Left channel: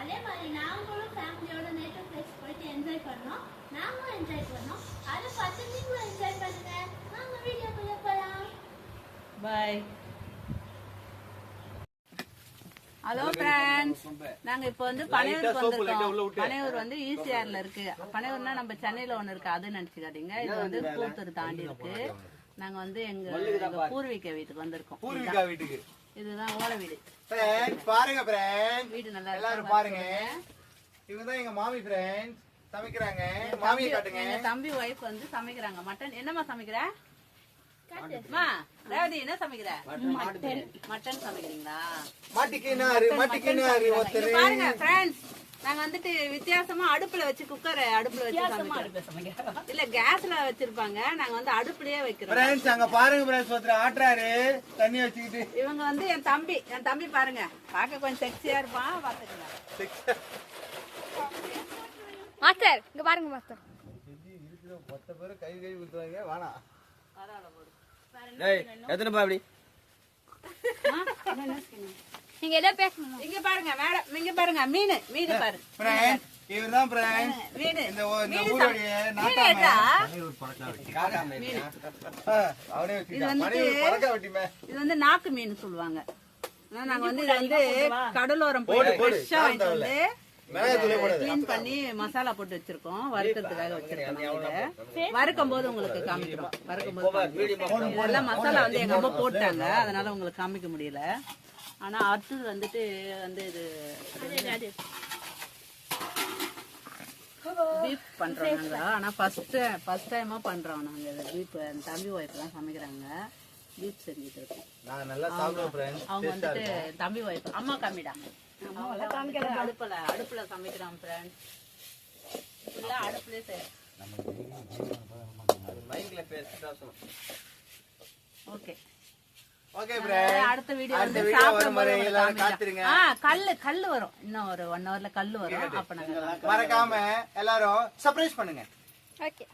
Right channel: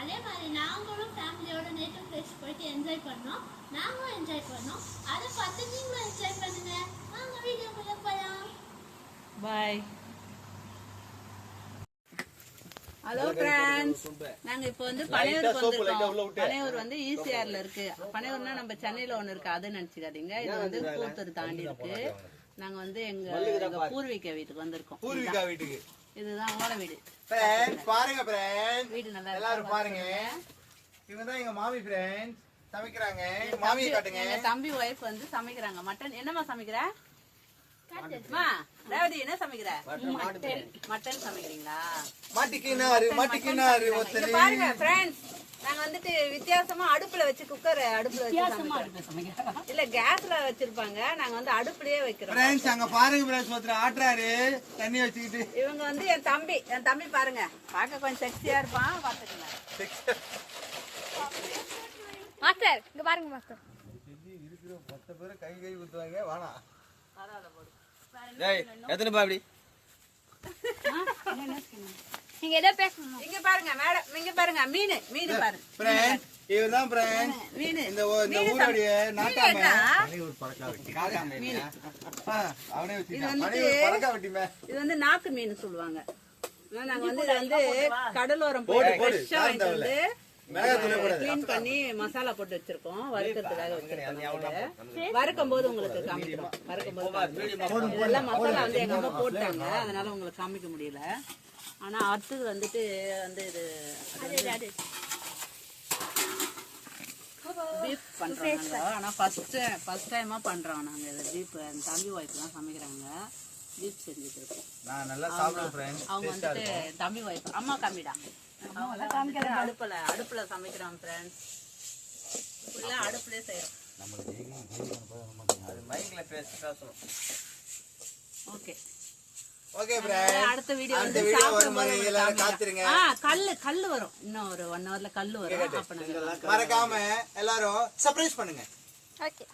அதே மாதிரி நாங்களும் ஃபேமிலியோட நேட்டிவ் பிளேஸ் போயிட்டு என்ஜாய் பண்ணோம். நாங்களும் என்ஜாய் பண்ணோம். அதை பார்த்து நீங்களும் என்ஜாய் பண்ணுங்க. வாங்க வீடியோக்குள்ள போலாம். பாய். ஹலோ ஃப்ரெண்ட்ஸ், நாங்க இப்போ வந்து பனையூருக்கு வந்திருக்கோம். பனையூர் வந்து ஈசிஆர்ல இருக்கு. பனையூர்னா நம்ம சென்னையில ஒண்ணு இருக்கு, அது நினைச்சுக்காதீங்க. இது வந்து கூத்தூர் தாண்டி இருக்கு. நாங்க வந்து எங்க பூர்வீக வீட்டுக்கு வந்திருக்கோம். பூர்வீகா வீட்டுக்கு இதுதான் ஓலை வீடு. பாருங்க ஃப்ரெண்ட்ஸ், வீடு நல்லா எல்லாரும் பாருங்க. இவங்க தான் எங்க மாமி ஃப்ரெண்ட்ஸ், சமைக்கிறாங்க. மாமியை காட்டுங்க. தம்பி ஒய்ஃப் வந்து சமைக்கிறாங்க. மட்டன் என்னமா சமைக்கிற? ரேவதி என்ன சமைக்கிற? மட்டன் சமைக்கிறீங்களா? மாட்டிக்கினாரு ஒருத்தர். பாருங்க ஃப்ரெண்ட்ஸ், நாங்க வந்துட்டு வித்தியாசமா அடுப்புல வச்சு குக்கர் அடுப்புல வச்சு இல்ல கேஸ்ல வச்சிருப்பாங்க. நாங்க வந்து அடுப்புலயே வைக்கிறோம். ஃப்ரெண்ட்ஸ் அங்க பாருங்க ஃப்ரெண்ட்ஸ், ஒருத்தர் ஆட்டுறாரு தண்ணி வச்சுக்கிட்டு. இவங்க வந்து என் தம்பி பாருங்க, பார்க்க கொஞ்சம் செக்ஸியா இருப்பான். பாத்துக்கங்க மாஸ்டர், இங்க பாருங்க மாஸ்டர். இருக்கிற மொத்த பேரு கை ஊத்துவாங்க. வேணாம் பரவாயில்ல போடு. எத்தனை பாபடி நீங்க எதை பேசணும்? இங்க பாருங்க மேடம், இங்க பாருங்க மீன் பாருங்க ஃப்ரெண்ட்ஸ். இவர்தான் ஃப்ரெண்ட்ஸ் மீன். இந்த ஊருடைய நாட்டாம அவனே வச்சுட்டான். இது வந்து நாட்டு மீன் சொல்லுவாங்க. நாங்க வந்து இதை வந்து கடலோரம் போட்டு கிளீன் பண்ணி மசாலா போட்டு வச்சிருக்கோம். வறுக்கிறதுக்காக வச்சிருக்கோம். வறுக்கும் போது உங்களுக்கு காமிக்கிறோம். வறுக்கும் போது எல்லாம் மசாலா வந்து எங்க அம்மா போட்டாங்க, அதனால உங்களுக்கு காமிக்க முடியல. ஆனா அடுத்தது வந்துட்டு வந்து இது பீஃப் பண்றாங்க. ஆனா ஃபர்ஸ்ட் டைமா பண்றோம் நாங்க இதை. பீஃப் தம்பி ஒய்ஃப் தான் சமைக்கிறாங்க. பீஃப் செஞ்சுட்டு இருக்கோம். அவங்க வந்துட்டு தம்பி ஒய்ஃப். அம்மா காமிடா. அடுப்புல சமைக்கிறோம் ஃப்ரெண்ட்ஸ். எல்லாம் அடுப்புலயே செய்யறோம். Okay okay. அடுத்த வீடியோ வந்து சாப்பிடும்போது கல்லு வரும். இன்னும் ஒரு 1 hourல கல்லு வரும். அப்ப நாங்க மறக்காம எல்லாரும் சர்ப்ரைஸ் பண்ணுங்க. ஓகே.